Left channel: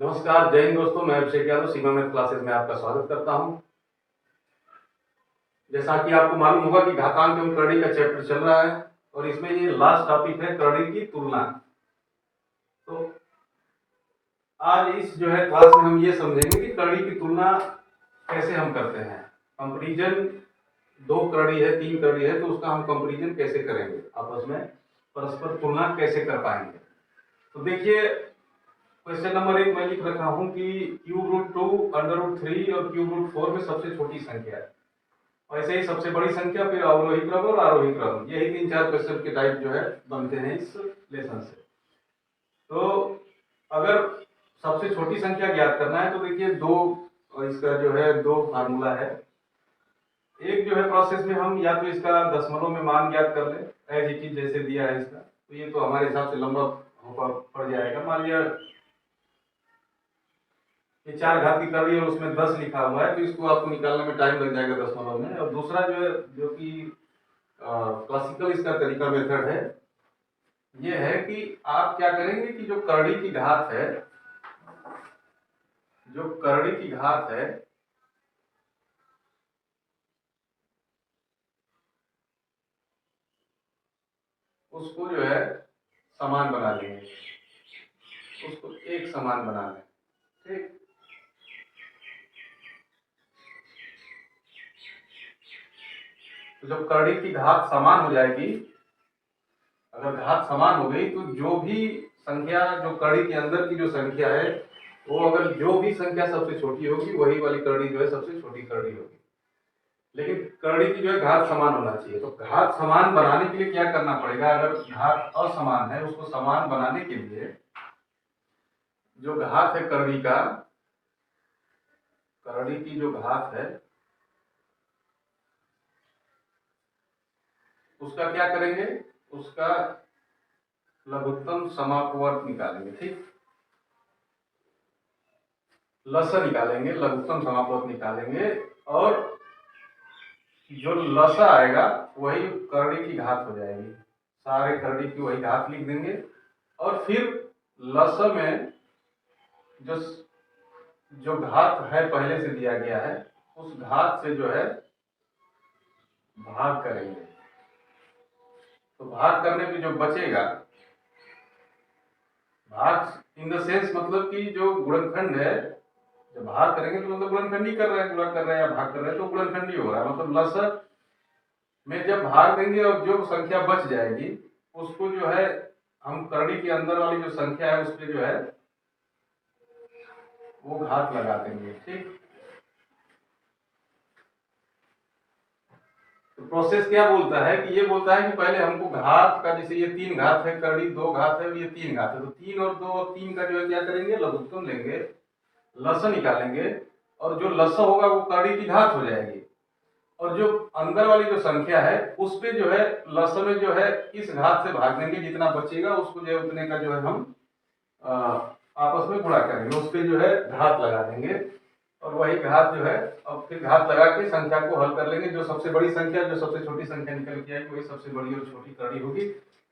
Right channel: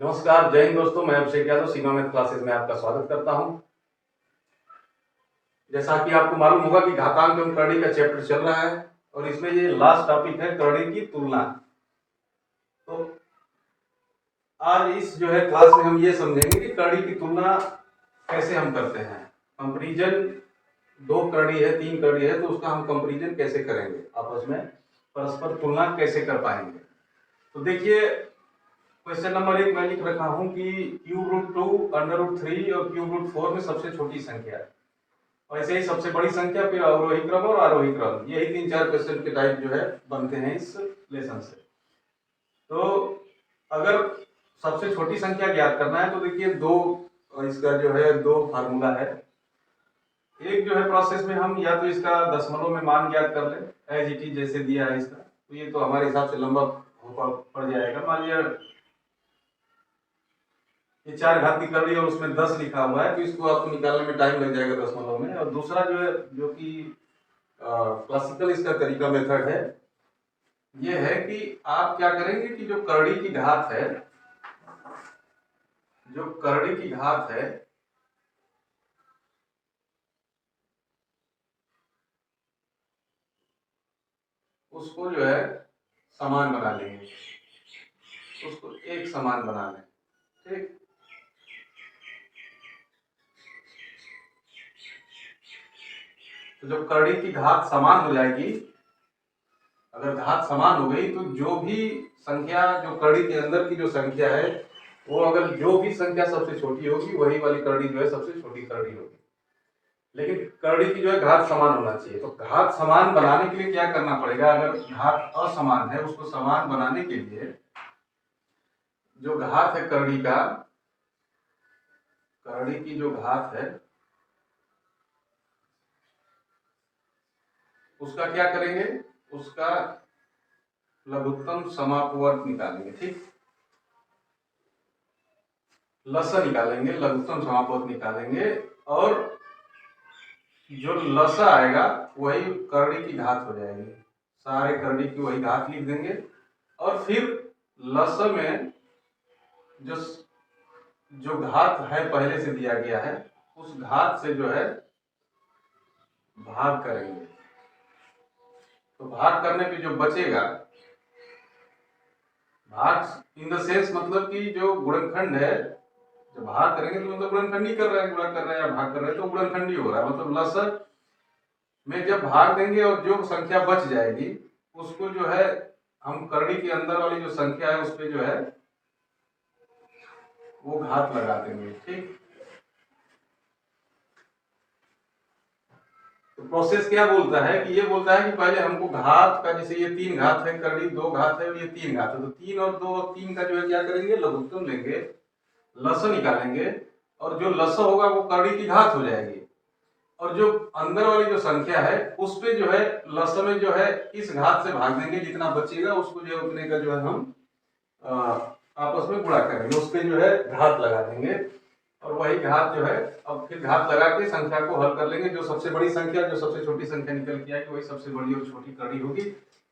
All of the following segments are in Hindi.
नमस्कार, जय हिंद दोस्तों। मैं अभिषेक यादव सीमा मैथ क्लासेस में आपका स्वागत करता हूं। जैसा कि आपको मालूम होगा कि घातांक एवं करड़ी का चैप्टर चल रहा है और इसमें ये लास्ट टॉपिक है करड़ी की तुलना। तो आज इस जो है क्लास में हम ये समझेंगे कि करड़ी की तुलना कैसे हम करते हैं। कंपैरिजन, दो करड़ी है, तीन करड़ी है, तो उसका हम कंपैरिजन कैसे करेंगे, आपस में परस्पर तुलना कैसे कर पाएंगे। तो देखिए, क्वेश्चन नंबर 1 मैं लिख रखा हूं कि क्यूब रूट 2, अंडर रूट 3 और क्यूब रूट 4 में सबसे छोटी संख्या है। और ऐसे ही सबसे बड़ी संख्या, फिर अवरोही क्रम और आरोही क्रम, यही 3-4 क्वेश्चन के टाइप जो है बनते हैं इस लेसन से। तो अगर सबसे छोटी संख्या ज्ञात करना है तो देखिए इसका जो है दो फार्मूला है। एक जो है प्रोसेस में हम या तो इसका दशमलव में मान ज्ञात कर ले एज इट इज जैसे दिया है इसका, तो ये तो हमारे हिसाब से लंबा पड़ जाएगा। मान लिया ये 4 घात की करड़ी और उसमें 10 लिखा हुआ है, तो इसको आपको निकालने में टाइम लग जाएगा दशमलव में। और दूसरा जो है, जो कि क्लासिकल इसका तरीका मेथड है, ये है कि आप क्या करेंगे कि जो करड़ी की घात है, जो करड़ी की घात है उसको जो है समान बना लेंगे, उसको एक समान बना लें। ठीक, तो जब करड़ी की घात समान हो जाएगी, अगर घात समान हो गई तो जो भी संख्या, जो करड़ी के अंदर की जो संख्या है, वो अगर जो भी संख्या सबसे छोटी होगी वही वाली करड़ी जो है सबसे छोटी करड़ी होगी। लेकिन करड़ी की जो है घात समान होना चाहिए। तो घात समान बनाने के लिए क्या करना पड़ेगा, अगर घात असमान है उसको समान बनाने के लिए जो घात है करड़ी का, करड़ी की जो घात है उसका क्या करेंगे, उसका लघुत्तम समापवर्त निकालेंगे। ठीक, लसा निकालेंगे, लघुत्तम समापवर्त निकालेंगे, और जो लसा आएगा वही करड़ी की घात हो जाएगी। सारे करड़ी की वही घात लिख देंगे, और फिर लस में जो जो घात है पहले से दिया गया है उस घात से जो है भाग करेंगे। तो भाग करने पे जो बचेगा, भाग इन द सेंस मतलब कि जो गुणनखंड है, जब भाग करेंगे तो मतलब गुणनखंड ही कर रहे हैं, गुणा कर रहे हैं या भाग कर रहे हैं, तो गुणनखंड ही हो रहा है। मतलब लस में जब भाग देंगे और जो संख्या बच जाएगी उसको जो है हम करड़ी के अंदर वाली जो संख्या है उस पर जो है वो घात लगा देंगे। ठीक, तो प्रोसेस क्या बोलता है कि ये बोलता है कि पहले हमको घात का, जैसे ये 3 घात है करड़ी, 2 घात है, ये 3 घात है, तो 3 और 2 और 3 का जो है क्या करेंगे, लघुत्तम लेंगे, लस निकालेंगे, और जो लस होगा वो करड़ी की घात हो जाएगी। और जो अंदर वाली जो संख्या है उस पे जो है लस में जो है इस घात से भाग देंगे, जितना बचेगा उसको जो है उतने का जो है हम आपस में गुणा करेंगे, उस पे जो है घात लगा देंगे, और वही घात जो है अब फिर घात लगा के संख्या को हल कर लेंगे। जो सबसे बड़ी संख्या, जो सबसे छोटी संख्या निकल के आएगी वही सबसे बड़ी और छोटी करड़ी होगी।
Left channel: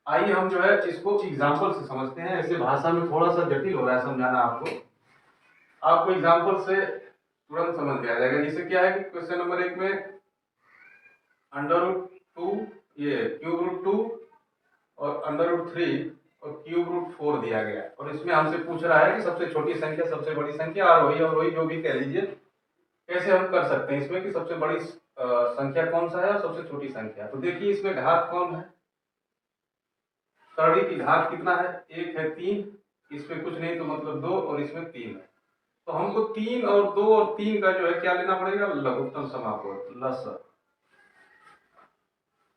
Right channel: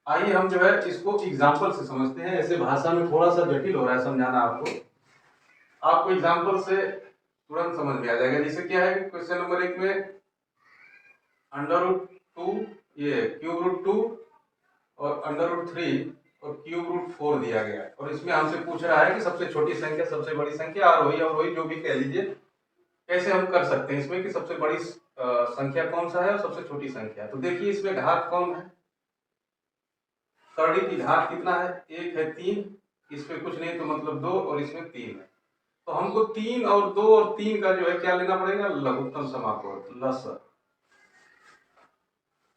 आइए हम जो है इसको एग्जाम्पल से समझते हैं। ऐसे भाषा में थोड़ा सा जटिल हो रहा है समझाना आपको एग्जाम्पल से तुरंत समझ में आ जाएगा। जैसे क्या है कि क्वेश्चन नंबर 1 में अंडर रूट 2, ये क्यूब रूट 2 और अंडर रूट 3 और क्यूब रूट 4 दिया गया है, और इसमें हमसे पूछ रहा है कि सबसे छोटी संख्या, सबसे बड़ी संख्या, आरोही अवरोही जो भी कह लीजिए, कैसे हम कर सकते हैं इसमें कि सबसे बड़ी संख्या कौन सा है और सबसे छोटी संख्या। तो देखिए इसमें घात कौन है, करड़ी की घात कितना है, 1 है, 3, इसमें कुछ नहीं तो मतलब 2, और इसमें 3 है। तो हमको 3 और 2 और 3 का जो है क्या लेना पड़ेगा, लघुत्तम समापवर्त, लस।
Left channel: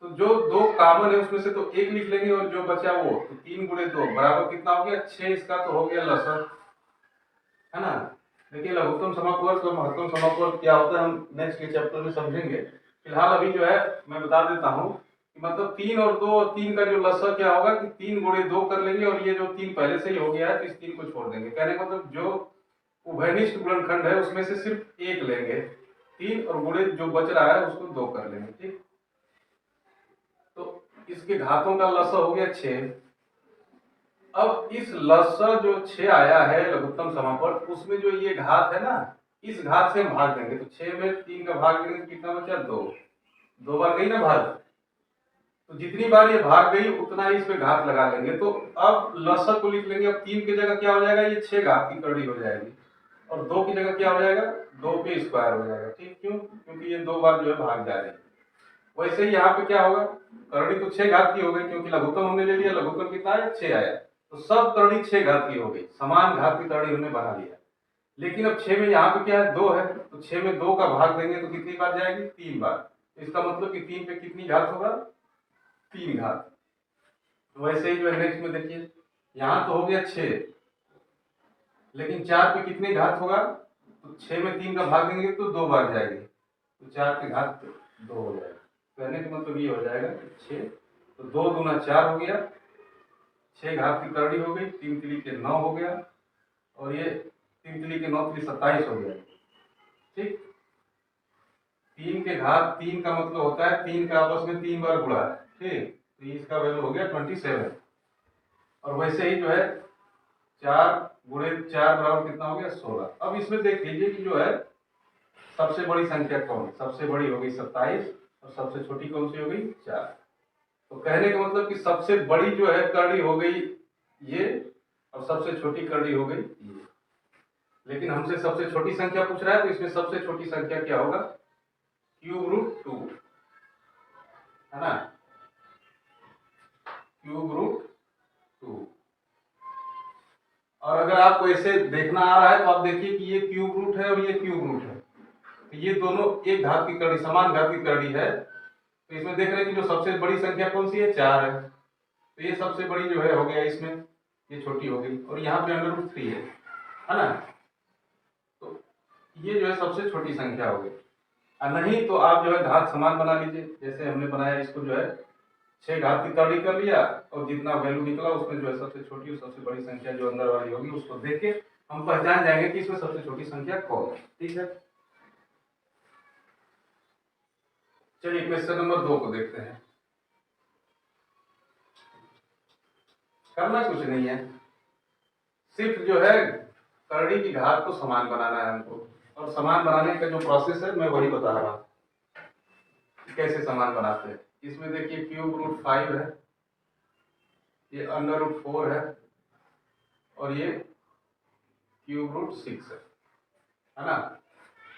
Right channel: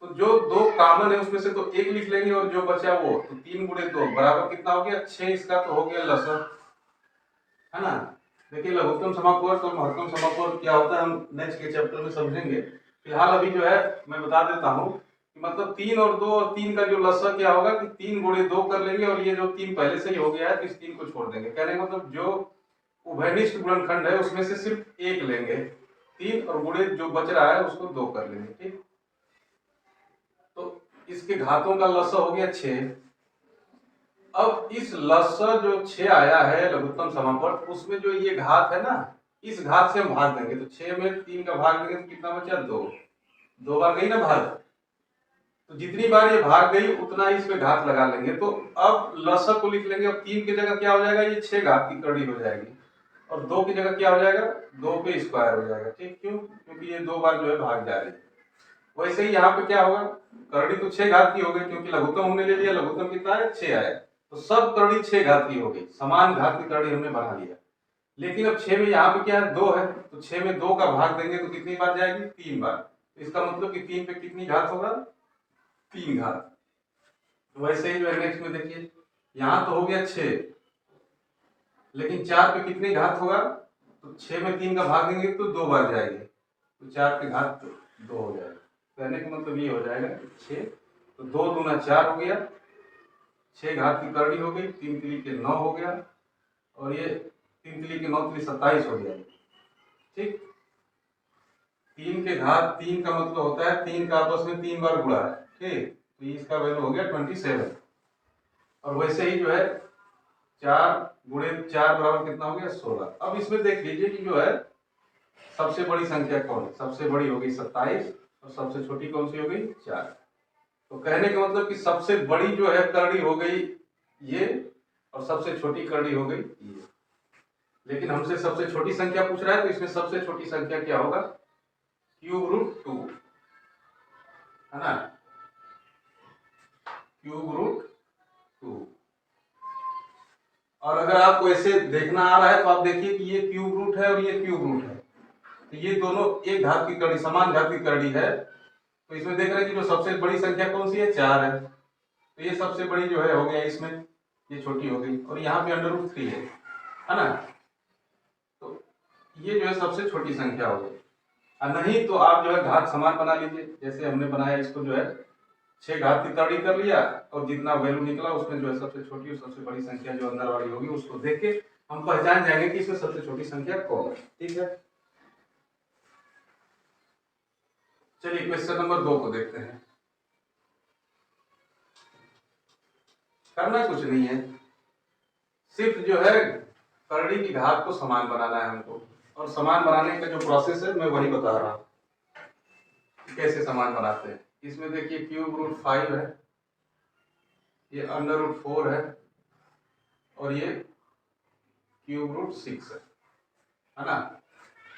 तो जो 2 कॉमन है उसमें से तो 1 लिख लेंगे, और जो बचा वो, तो 3 गुणे 2 बराबर कितना हो गया, 6। इसका तो हो गया लस, है ना। देखिए लघुत्तम समापवर्त और महत्तम समापवर्त क्या होता है हम नेक्स्ट के चैप्टर में समझेंगे। फिलहाल अभी जो है मैं बता देता हूँ कि मतलब 3 और 2 और 3 का जो लसा क्या होगा कि 3 गुणे 2 कर लेंगे, और ये जो 3 पहले से ही हो गया है तो इस 3 को छोड़ देंगे। कहने का मतलब जो उभयनिष्ठ गुणनखंड है उसमें से सिर्फ 1 लेंगे, 3, और गुणे जो बच रहा है उसको 2 कर लेंगे। ठीक, तो इसके घातों का लसा हो गया 6, अब इस लसा जो 6 आया है लघुत्तम समापन, उसमें जो ये घात है ना, इस घात से हम भाग देंगे तो 6 में 3 का भाग देंगे तो कितना बचा? 2। 2 बार गई ना भाग, तो जितनी बार ये भाग गई उतना ही इसमें घात लगा लेंगे। तो अब लसा को लिख लेंगे। अब 3 की जगह क्या हो जाएगा? ये 6 घात की करड़ी हो जाएगी, और 2 की जगह क्या हो जाएगा? 2 पे स्क्वायर हो जाएगा। ठीक, क्यों? क्योंकि ये 2 बार जो है भाग जा रही है। वैसे ही यहाँ पे क्या होगा? करड़ी तो 6 घात की हो गई, क्योंकि लघुत्तम हमने ले लिया। लघुत्तम कितना आया? 6 आया। तो सब करड़ी 6 घात की हो गई, समान घात की करड़ी हमने बना लिया। लेकिन अब 6 में यहाँ पे क्या है? 2 है, तो 6 में 2 का भाग देंगे तो कितनी बार जाएगी? 3 बार। तो इसका मतलब कि 3 पे कितनी घात होगा? 3 घात। वैसे ही जो है नेक्स्ट में देखिए, यहाँ तो हो गया 6, लेकिन 4 पे कितने घात होगा? तो 6 में 3 का भाग देंगे तो 2 बार जाएगी, तो 4 पे घात 2 हो जाएगा। कहने का मतलब ये हो जाएगा कि 6, तो 2 दूना 4 हो गया, 6 घात की करड़ी हो गई, 3 तिली के 9 हो गया, और ये 3 तिली के 9 तिली 27 हो गया। ठीक, 3 के घात 3 का मतलब होता है 3 का आपस में 3 बार गुणा है। ठीक, तो इसका वैल्यू हो गया 27। और वैसे ही जो है 4 गुणे 4 बराबर कितना हो गया? 16। अब इसमें देख लीजिए कि जो है सबसे बड़ी संख्या कौन है? सबसे बड़ी हो गई 27, और सबसे छोटी कौन सी हो गई? 4। तो कहने का मतलब कि सबसे बड़ी जो है करड़ी हो गई ये, और सबसे छोटी करड़ी हो गई ये। लेकिन हमसे सबसे छोटी संख्या पूछ रहा है, तो इसमें सबसे छोटी संख्या क्या होगा? क्यूब रूट 2, है ना? Cube root 2। और अगर आपको ऐसे देखना आ रहा है तो आप देखिए कि ये क्यूब रूट है और ये क्यूब रूट है, तो ये दोनों एक घात की करड़ी, समान घात की करड़ी है। तो इसमें देख रहे हैं कि जो सबसे बड़ी संख्या कौन सी है? 4 है, तो ये सबसे बड़ी जो है हो गया इसमें, ये छोटी हो गई, और यहाँ पे अंडर रूट 3 है ना? तो ये जो है सबसे छोटी संख्या हो गई। और नहीं तो आप जो है घात समान बना लीजिए, जैसे हमने बनाया। इसको जो है 6 घात की करड़ी कर लिया, और जितना वैल्यू निकला उसमें जो है सबसे छोटी और सबसे बड़ी संख्या जो अंदर वाली होगी उसको देख के हम पहचान जाएंगे कि इसमें सबसे छोटी संख्या कौन है। ठीक है, चलिए क्वेश्चन नंबर 2 को देखते हैं। करना कुछ नहीं है, सिर्फ जो है करड़ी की घात को समान बनाना है हमको, और समान बनाने का जो प्रोसेस है मैं वही बता रहा हूँ कैसे समान बनाते हैं। इसमें देखिए क्यूब रूट 5 है, ये अंडर रूट 4 है, और ये क्यूब रूट 6 है ना?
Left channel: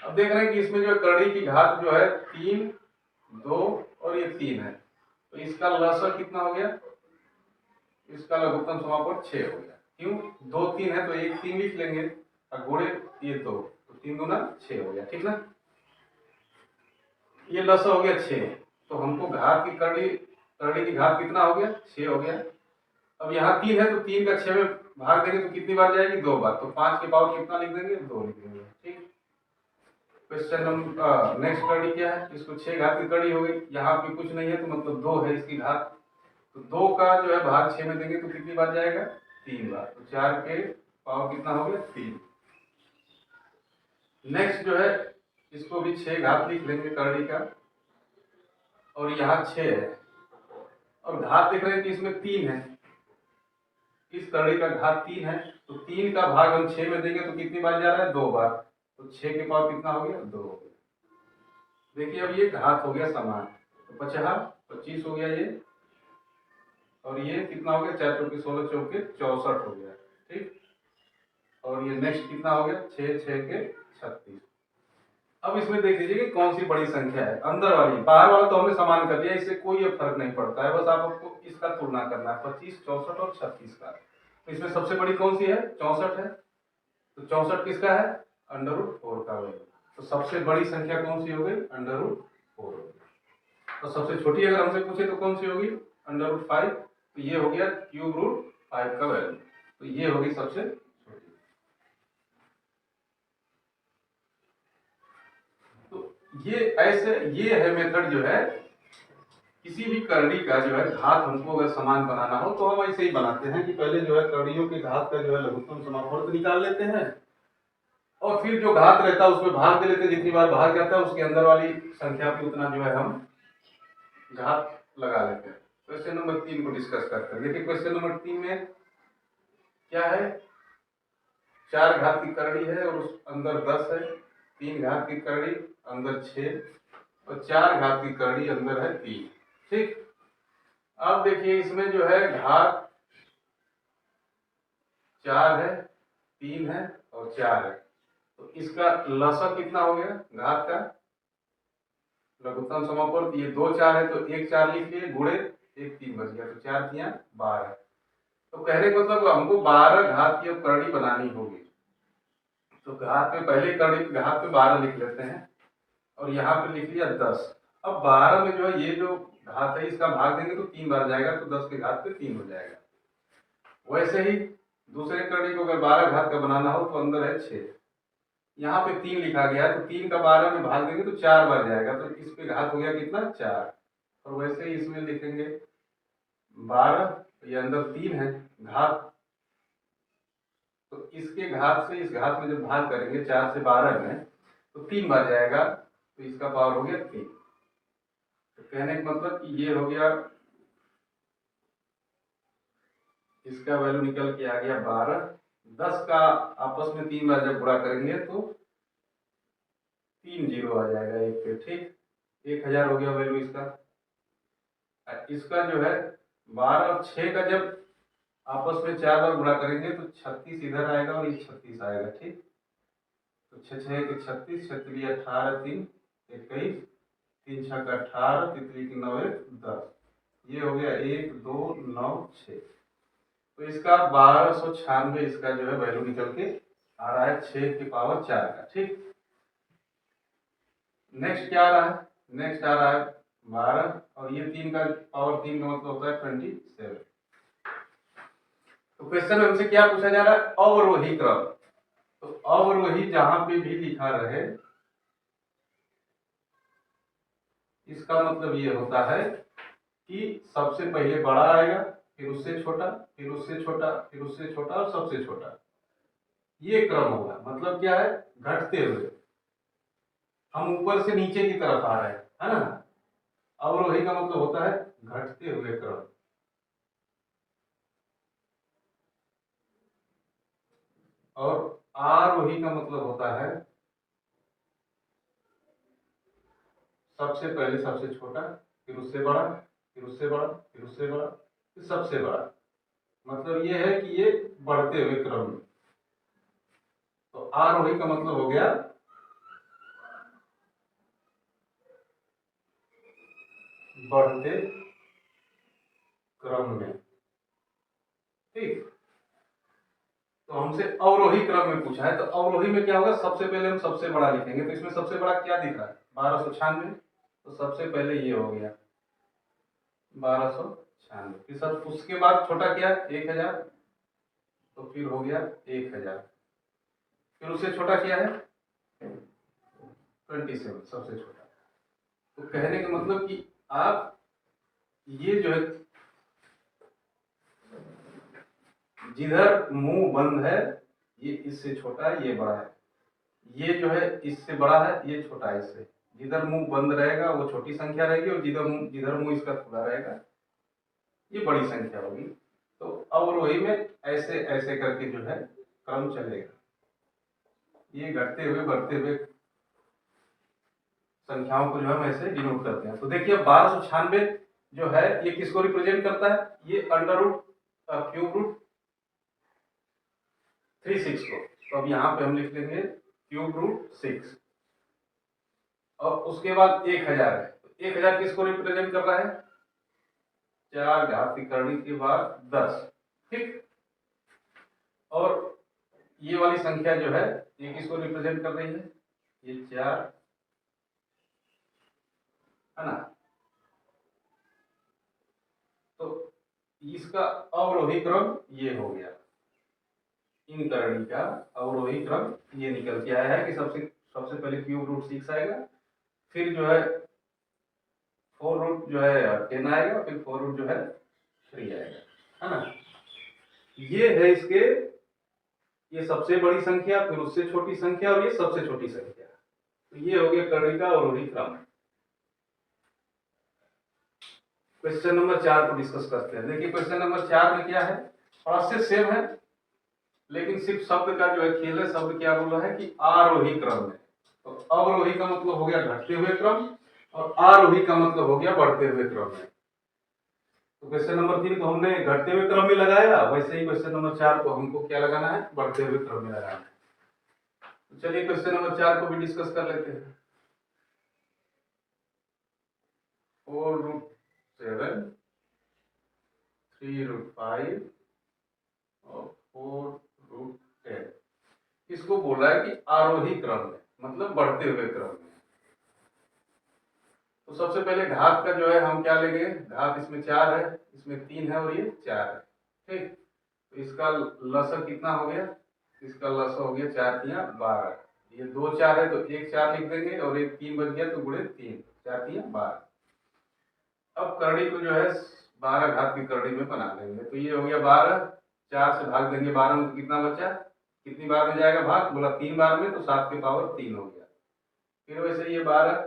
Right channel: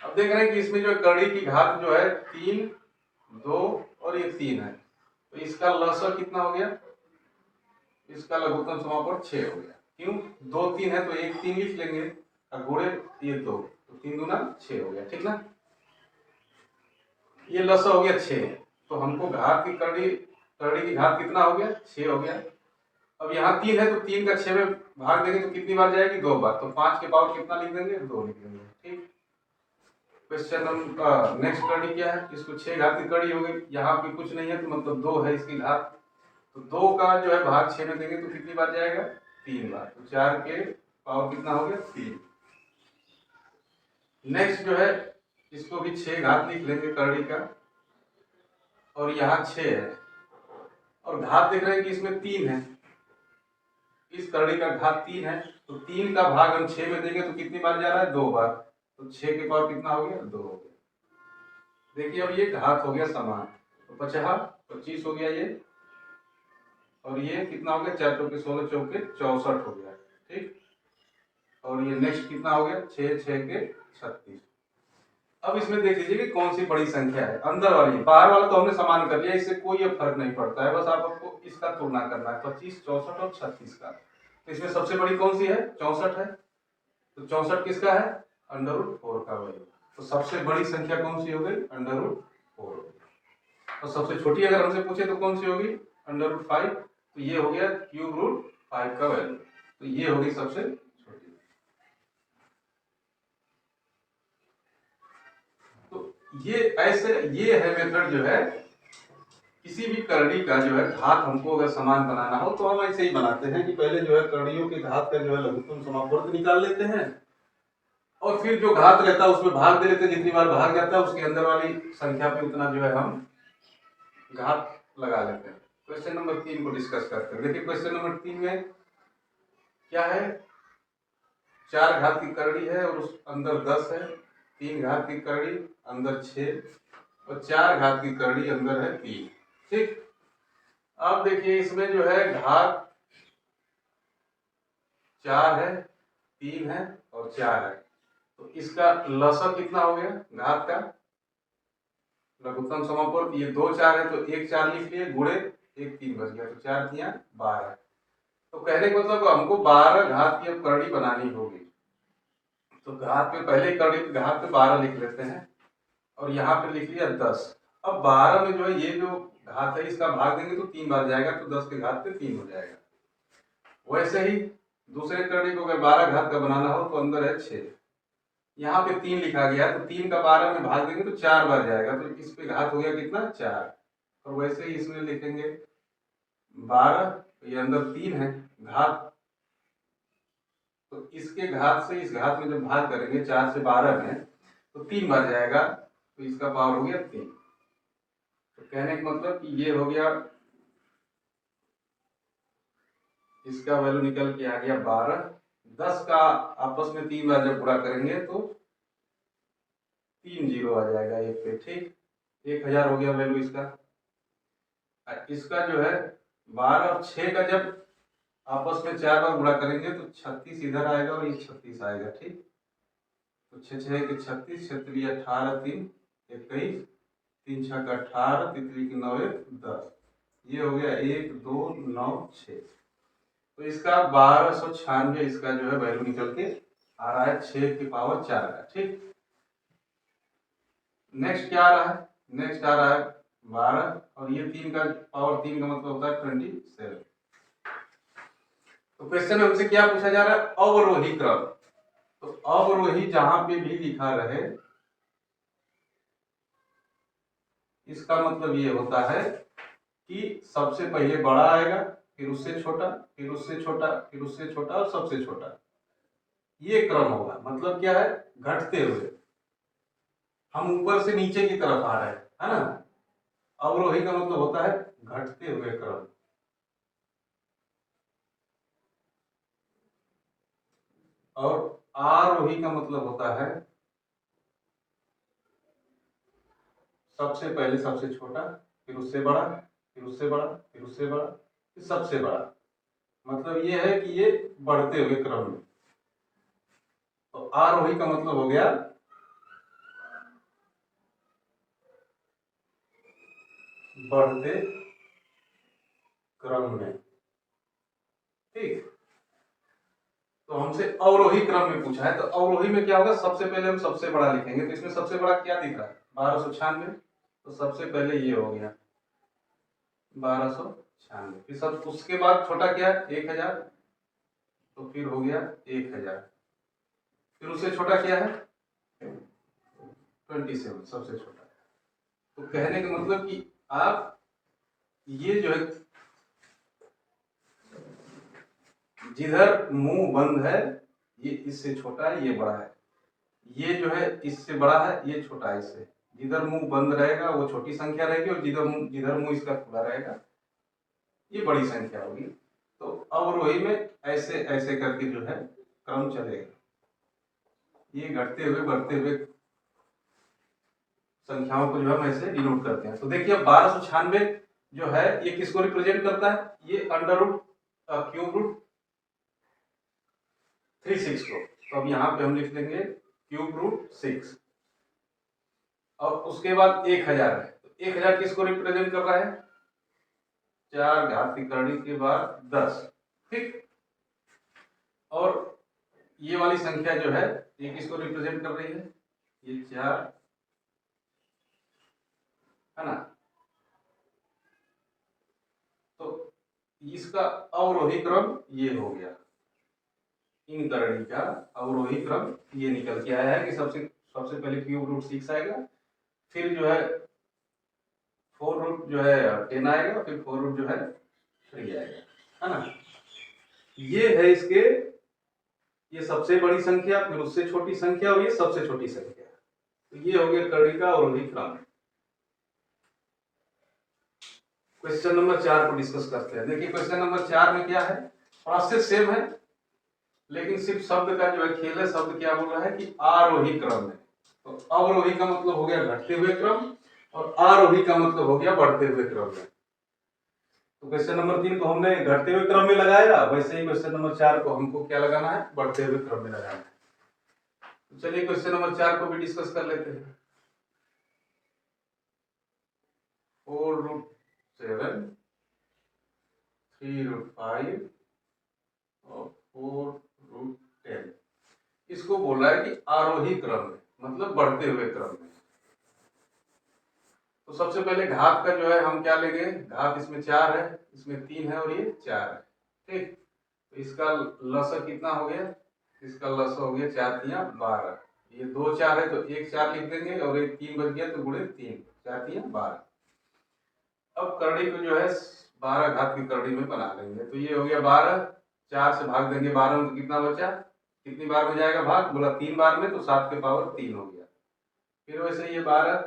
अब देख रहे हैं कि इसमें जो करड़ी की घात जो है 3, 2 और ये 3 है, तो इसका लसर कितना हो गया? इसका लघुत्तम समापन 6 हो गया। क्यों? 2 3 है तो एक 3 लिख लेंगे, और गुणे ये 2, तो 3 दूना 6 हो गया। ठीक ना? ये लसर हो गया 6, तो हमको घात की करड़ी की घात कितना हो गया? 6 हो गया। अब यहाँ 3 है तो 3 का 6 में भाग देंगे तो कितनी बार जाएगी? 2 बार, तो 5 के पावर कितना लिख देंगे? 2 लिख देंगे। ठीक, क्वेश्चन नंबर नेक्स्ट करड़ी क्या है? इसको 6 घात की करड़ी हो गई, यहाँ पे कुछ नहीं है तो मतलब 2 है इसकी घात, तो 2 का जो है भाग 6 में देंगे तो कितनी बार जाएगा? 3 बार, तो 4 के पावर कितना हो गया? 3। नेक्स्ट जो है इसको भी 6 घात लिख लेंगे करड़ी का, और यहाँ 6 है, और घात देख रहे हैं कि इसमें 3 है, इस करड़ी का घात 3 है, तो 3 का भाग हम 6 में देंगे तो कितनी बार जा रहा है? 2 बार, तो 6 के पावर कितना हो गया? 2 हो गया। देखिए अब ये घात हो गया समान, तो 50 25 हो गया ये, और ये कितना हो गया? 4 चौके 16, चौके 64 हो गया। ठीक, और ये नेक्स्ट कितना हो गया? 6 6 के 36। अब इसमें देख लीजिए कि कौन सी बड़ी संख्या है, अंदर वाली। बाहर वाला तो हमने समान कर लिया, इससे कोई फर्क नहीं पड़ता है, बस आपको इसका तुलना करना है, 25 64 और 36 का। तो इसमें सबसे बड़ी कौन सी है? 64 है, तो 64 किसका है? अंडर रूट 4 का वैल्यू। तो सबसे बड़ी संख्या कौन सी हो गई? अंडर रूट 4 हो गई। और सबसे छोटी अगर हमसे पूछे तो कौन सी होगी? अंडर रूट 5, तो ये हो गया क्यूब रूट 5 का वैल्यू, तो ये होगी सबसे छोटी। तो ये ऐसे, ये है मेथड जो है, किसी भी करड़ी का जो है घात हमको अगर समान बनाना हो तो हम ऐसे ही बनाते हैं कि पहले जो है करड़ियों के घात का जो है लघुत्तम समापवर्त निकाल लेते हैं, और फिर जो घात रहता है उसमें भाग दे लेते हैं। जितनी बार भाग जाता है उसके अंदर वाली संख्या पे उतना जो है हम घात लगा लेते हैं। क्वेश्चन नंबर 3 को डिस्कस करते हैं। देखिए क्वेश्चन नंबर 3 में क्या है, 4 घात की करड़ी है और उस अंदर 10 है, 3 घात की करड़ी अंदर 6 और 4 घात की करड़ी अंदर है 3। ठीक, अब देखिए इसमें जो है घात 4 है, 3 है और 4 है, तो इसका लसक कितना हो गया घात का, लघुत्तम समापूर्त, ये 2 4 है तो 1 4 लिख लिए, गुणे 1 3 बच गया, तो 4 3 12। तो कहने का मतलब हमको 12 घात की अब करड़ी बनानी होगी, तो घात पे पहले करड़ी घात पे 12 लिख लेते हैं और यहाँ पे लिख लिया 10। अब 12 में जो है ये जो घात है इसका भाग देंगे तो 3 बार जाएगा, तो 10 के घात पे 3 हो जाएगा। वैसे ही दूसरे करड़ी को अगर 12 घात का बनाना हो तो अंदर है 6, यहाँ पे 3 लिखा गया तो 3 का 12 में भाग देंगे तो 4 बार जाएगा, तो इस पे घात हो गया कितना 4। और वैसे ही इसमें लिखेंगे 12, तो ये अंदर 3 है घात, तो इसके घात से इस घात में जब भाग करेंगे 4 से 12 में तो 3 बार जाएगा, तो इसका पावर हो गया 3। तो कहने का मतलब कि ये हो गया, इसका वैल्यू निकल के आ गया 12। 10 का आपस में 3 बार जब गुणा करेंगे तो 3 जीरो आ जाएगा एक पे। ठीक, 1000 हो गया वैल्यू इसका। इसका जो है 12 और 6 का जब आपस में 4 बार गुणा करेंगे तो 36 इधर आएगा और ये 36 आएगा। ठीक, तो 6 6 के 36, 36 18 3 21, 3 6 का 18, तितली की 9 10, ये हो गया 1 2 9 6। तो इसका 1296 इसका जो है वैल्यू निकल के आ रहा है 6 की पावर 4 का। ठीक, नेक्स्ट क्या आ रहा है, नेक्स्ट आ रहा है 12 और ये 3 का पावर 3 का मतलब होता है 27। तो क्वेश्चन में हमसे क्या पूछा जा रहा है, अवरोही क्रम। तो अवरोही जहां पे भी लिखा रहे इसका मतलब ये होता है कि सबसे पहले बड़ा आएगा, फिर उससे छोटा, फिर उससे छोटा, फिर उससे छोटा और सबसे छोटा, ये क्रम होगा। मतलब क्या है, घटते हुए, हम ऊपर से नीचे की तरफ आ रहे हैं, है ना। अवरोही का मतलब होता है घटते हुए क्रम। और आरोही का मतलब होता है सबसे पहले सबसे छोटा, फिर उससे बड़ा, फिर उससे बड़ा, फिर उससे बड़ा, फिर सबसे बड़ा। मतलब ये है कि ये बढ़ते हुए क्रम में। तो आरोही का मतलब हो गया बढ़ते क्रम में। ठीक, तो हमसे अवरोही क्रम में पूछा है, तो अवरोही में क्या होगा, सबसे पहले हम सबसे बड़ा लिखेंगे। तो इसमें सबसे बड़ा क्या दिख रहा है 1296, तो सबसे पहले ये हो गया 1296, फिर सब उसके बाद छोटा क्या 1000, तो फिर हो गया 1000, फिर उससे छोटा क्या है 27, सबसे छोटा। तो कहने का मतलब कि आप ये जो है जिधर मुंह बंद है ये इससे छोटा है, ये बड़ा है, ये जो है इससे बड़ा है, ये छोटा है इससे। जिधर मुंह बंद रहेगा वो छोटी संख्या रहेगी और जिधर मुंह इसका खुला रहेगा ये बड़ी संख्या होगी। तो अवरोही में ऐसे ऐसे करके जो है क्रम चलेगा, ये घटते हुए बढ़ते हुए संख्याओं को जो हम ऐसे डिनोट करते हैं। तो देखिए 1296 जो है ये किसको रिप्रेजेंट करता है, ये अंडर रूट क्यूब रूट 36 को। तो अब यहाँ पे हम लिख लेंगे क्यूब रूट 6 और उसके बाद 1000 है, तो 1000 किसको रिप्रेजेंट कर रहा है 4 घात की करड़ी के बाद 10। ठीक, और ये वाली संख्या जो है ये किसको रिप्रेजेंट कर रही है, ये 4 है ना। तो इसका अवरोही क्रम ये हो गया, इन करणी का अवरोही क्रम ये निकल के आया है कि सबसे सबसे पहले क्यूब रूट 6 आएगा, फिर जो है 4 रूट जो है 10 आएगा, फिर 4 रूट जो है 3 आएगा, है ना। ये है इसके, ये सबसे बड़ी संख्या, फिर उससे छोटी संख्या और ये सबसे छोटी संख्या। तो ये हो गया करणी का अवरोही क्रम। क्वेश्चन नंबर 4 को डिस्कस करते हैं। देखिए क्वेश्चन नंबर 4 में क्या है, प्रोसेस सेम है, लेकिन सिर्फ शब्द का जो है खेल है, शब्द क्या बोल रहा है कि आरोही क्रम में। तो अवरोही का मतलब हो गया घटते हुए क्रम और आरोही का मतलब हो गया बढ़ते हुए क्रम में। तो क्वेश्चन नंबर 3 को हमने घटते हुए क्रम में लगाया, वैसे ही क्वेश्चन नंबर 4 को हमको क्या लगाना है, बढ़ते हुए क्रम में लगाना है। तो चलिए क्वेश्चन नंबर 4 को भी डिस्कस कर लेते हैं। 4√7 3√5 और 4√10 इसको बोल रहा है कि आरोही क्रम में, मतलब बढ़ते हुए क्रम में। तो सबसे पहले घात का जो है हम क्या लेंगे, घात इसमें 4 है, इसमें 3 है और ये 4 है, ठीक। तो इसका लसक कितना हो गया, इसका लसक हो गया 4 तिया 12। ये 2 4 है तो एक 4 लिख देंगे और एक 3 बच गया तो गुणे 3, 4 तिया 12। अब करड़ी को जो है 12 घात की करड़ी में बना लेंगे। तो ये हो गया 12, 4 से भाग देंगे 12 में तो कितना बचा, कितनी बार में जाएगा भाग, बोला 3 बार में, तो 7 के पावर 3 हो गया। फिर वैसे ये 12,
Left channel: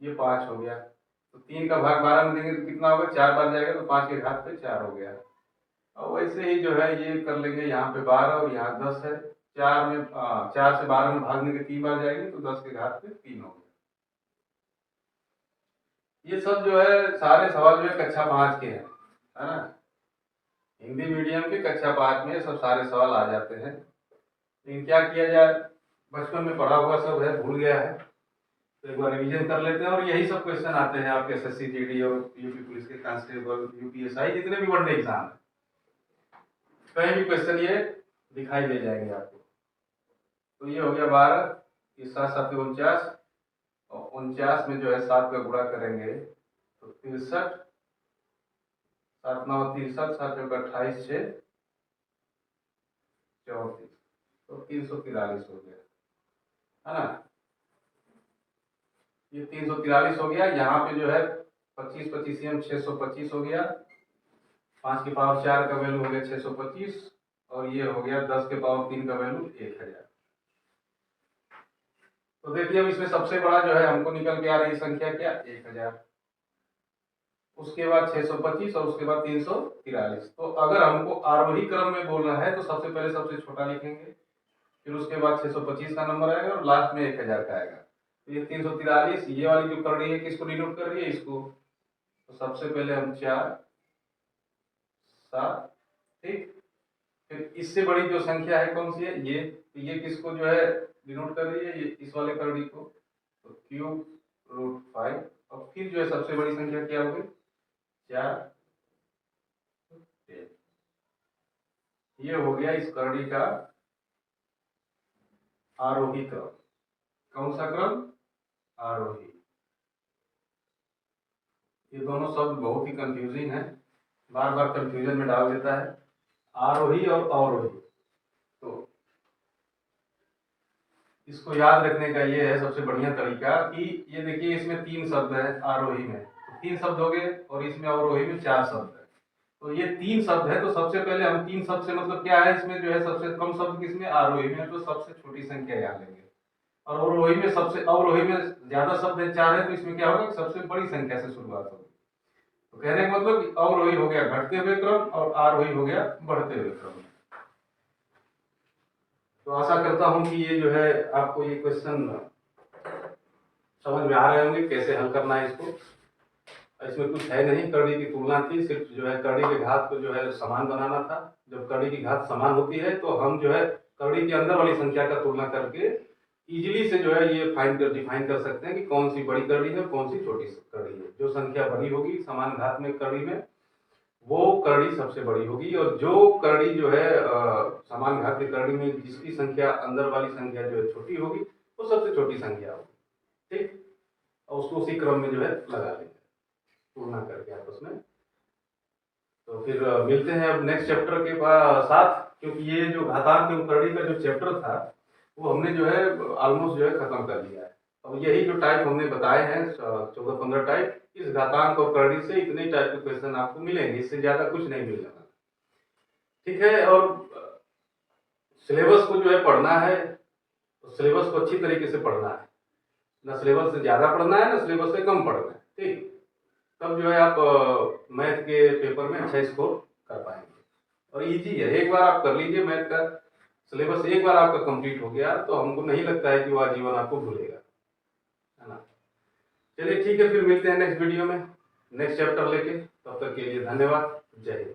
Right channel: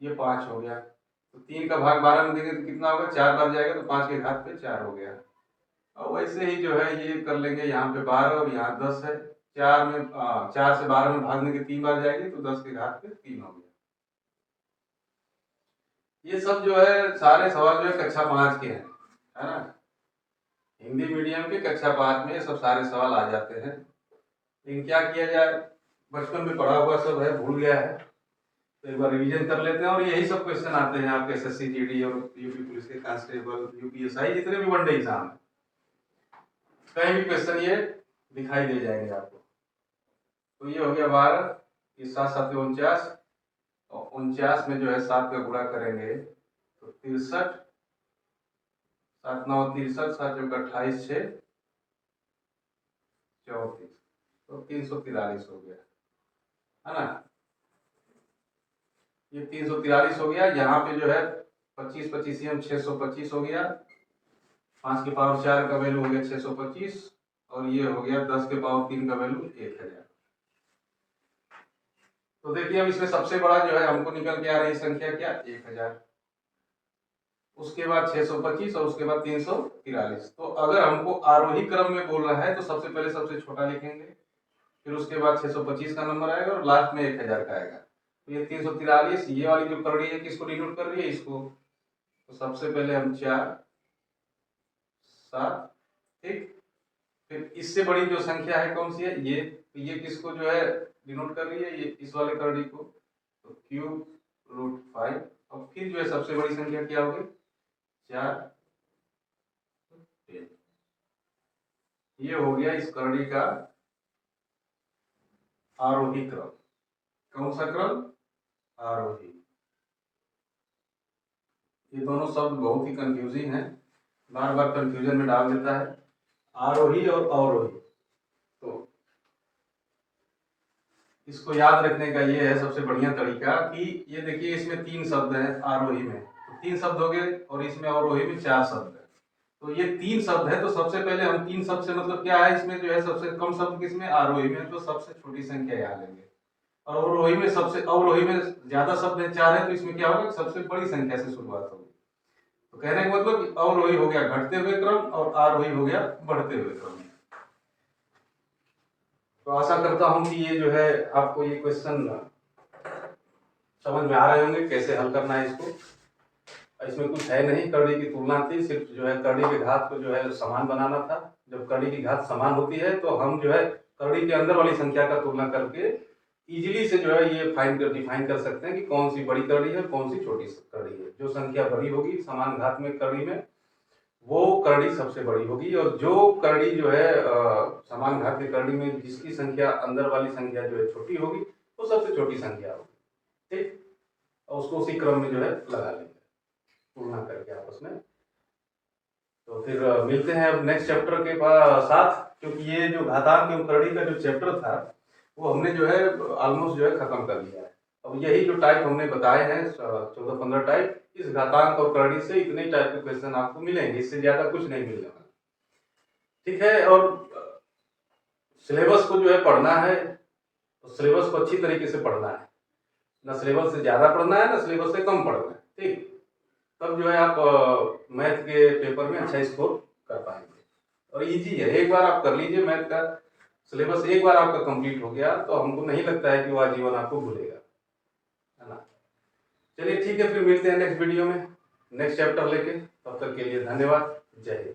ये 5 हो गया, तो 3 का भाग 12 में देंगे तो कितना होगा, 4 बार जाएगा तो 5 के घात पे 4 हो गया। और वैसे ही जो है ये कर लेंगे, यहाँ पे 12 और यहाँ 10 है, 4 से 12 में भागने के 3 बार जाएगी तो 10 के घात पे 3 हो गया। ये सब जो है सारे सवाल जो है कक्षा 5 के हैं, है ना। हिंदी मीडियम के कक्षा 5 में सब सारे सवाल आ जाते हैं। लेकिन क्या किया जाए, बचपन में पढ़ा हुआ सब है, भूल गया है, तो एक बार रिवीजन कर लेते हैं। और यही सब क्वेश्चन आते हैं आपके एसएससी जीडी और यूपी पुलिस के कांस्टेबल, यूपीएसआई, जितने भी वनडे एग्जाम है, कहीं भी क्वेश्चन ये दिखाई दे जाएंगे आपको। तो ये हो गया 12, ये 7 7 49, और 49 में जो है 7 का गुणा करेंगे तो 63, 7 9 63, 7 चौका 28, 6 34, तो 343 हो गया, है ना। ये 343 हो गया। यहाँ पे जो है 25 25 625 हो गया, 5 के पावर 4 का वैल्यू हो गया 625, और ये हो गया 10 के पावर 3 का वैल्यू 1000। तो देखिए अब इसमें सबसे बड़ा जो है हमको निकल के आ रही संख्या क्या, 1000, उसके बाद 625 और उसके बाद 343। तो अगर हमको आरोही क्रम में बोल रहा है तो सबसे पहले सबसे छोटा लिखेंगे, फिर उसके बाद 625 का नंबर आएगा और लास्ट में 1000 का आएगा। तो ये 343, ये वाली जो कर रही है किसको डिनोट कर रही है, इसको। तो सबसे पहले हम 4 7, ठीक। फिर इससे बड़ी जो संख्या है कौन सी है, ये, तो ये किसको जो है डिनोट कर रही है, ये इस वाले करड़ी को। तो √5, और फिर जो है सबसे बड़ी संख्या क्या होगी, 4 10। ये हो गया इस करड़ी का आरोही क्रम। कौन सा क्रम, आरोही। ये दोनों शब्द बहुत ही कंफ्यूजिंग है, बार बार कंफ्यूजन में डाल देता है, आरोही और अवरोही। तो इसको याद रखने का ये है सबसे बढ़िया तरीका कि ये देखिए इसमें 3 शब्द हैं आरोही में, तो 3 शब्द हो गए, और इसमें अवरोही में 4 शब्द है। तो ये 3 शब्द है, तो सबसे पहले हम 3 शब्द से मतलब क्या है, इसमें जो है सबसे कम शब्द किसमें, आरोही में, तो सबसे छोटी संख्या यहाँ लेंगे। और अवरोही में अवरोही में ज्यादा शब्द है, 4 है, तो इसमें क्या होगा, सबसे बड़ी संख्या से शुरुआत होगी। तो कहने का मतलब कि अवरोही हो गया घटते हुए क्रम और आरोही हो गया बढ़ते हुए क्रम। तो आशा करता हूं कि ये जो है आपको ये क्वेश्चन समझ में आ रहे होंगे कैसे हल करना है इसको। इसमें कुछ है नहीं, करड़ी की तुलना थी, सिर्फ जो है करड़ी के घात को जो है समान बनाना था। जब करड़ी की घात समान होती है तो हम जो है करड़ी के अंदर वाली संख्या का तुलना करके इजीली से जो है ये डिफाइन कर सकते हैं कि कौन सी बड़ी करड़ी है और कौन सी छोटी करड़ी है। जो संख्या बड़ी होगी समान घात में करड़ी में, वो करड़ी सबसे बड़ी होगी, और जो करड़ी जो है समान घात की करड़ी में जिसकी संख्या अंदर वाली संख्या जो है छोटी होगी, वो सबसे छोटी संख्या होगी, ठीक। और उसको उसी क्रम में जो है लगा लेंगे तुलना करके आपस में। तो फिर मिलते हैं अब नेक्स्ट चैप्टर के साथ, क्योंकि ये जो घातांक एवं करड़ी का जो चैप्टर था वो हमने जो है ऑलमोस्ट जो है खत्म कर लिया है। अब यही जो टाइप हमने बताए हैं 14-15 टाइप, इस घातांक और करड़ी से इतने टाइप के क्वेश्चन आपको मिलेंगे, इससे ज्यादा कुछ नहीं मिलने वाला, ठीक है। और सिलेबस को जो है पढ़ना है, तो सिलेबस को अच्छी तरीके से पढ़ना है, ना सिलेबस से ज्यादा पढ़ना है ना सिलेबस से कम पढ़ना है, ठीक। तब जो है आप मैथ के पेपर में अच्छा स्कोर कर पाएंगे। और इजी है, एक बार आप कर लीजिए मैथ का सिलेबस, एक बार आपका कंप्लीट हो गया तो हमको नहीं लगता है कि वो आजीवन आपको भूलेगा, है ना। चलिए ठीक है, फिर मिलते हैं नेक्स्ट वीडियो में नेक्स्ट चैप्टर लेके। तब तक के लिए धन्यवाद। जय हिंद।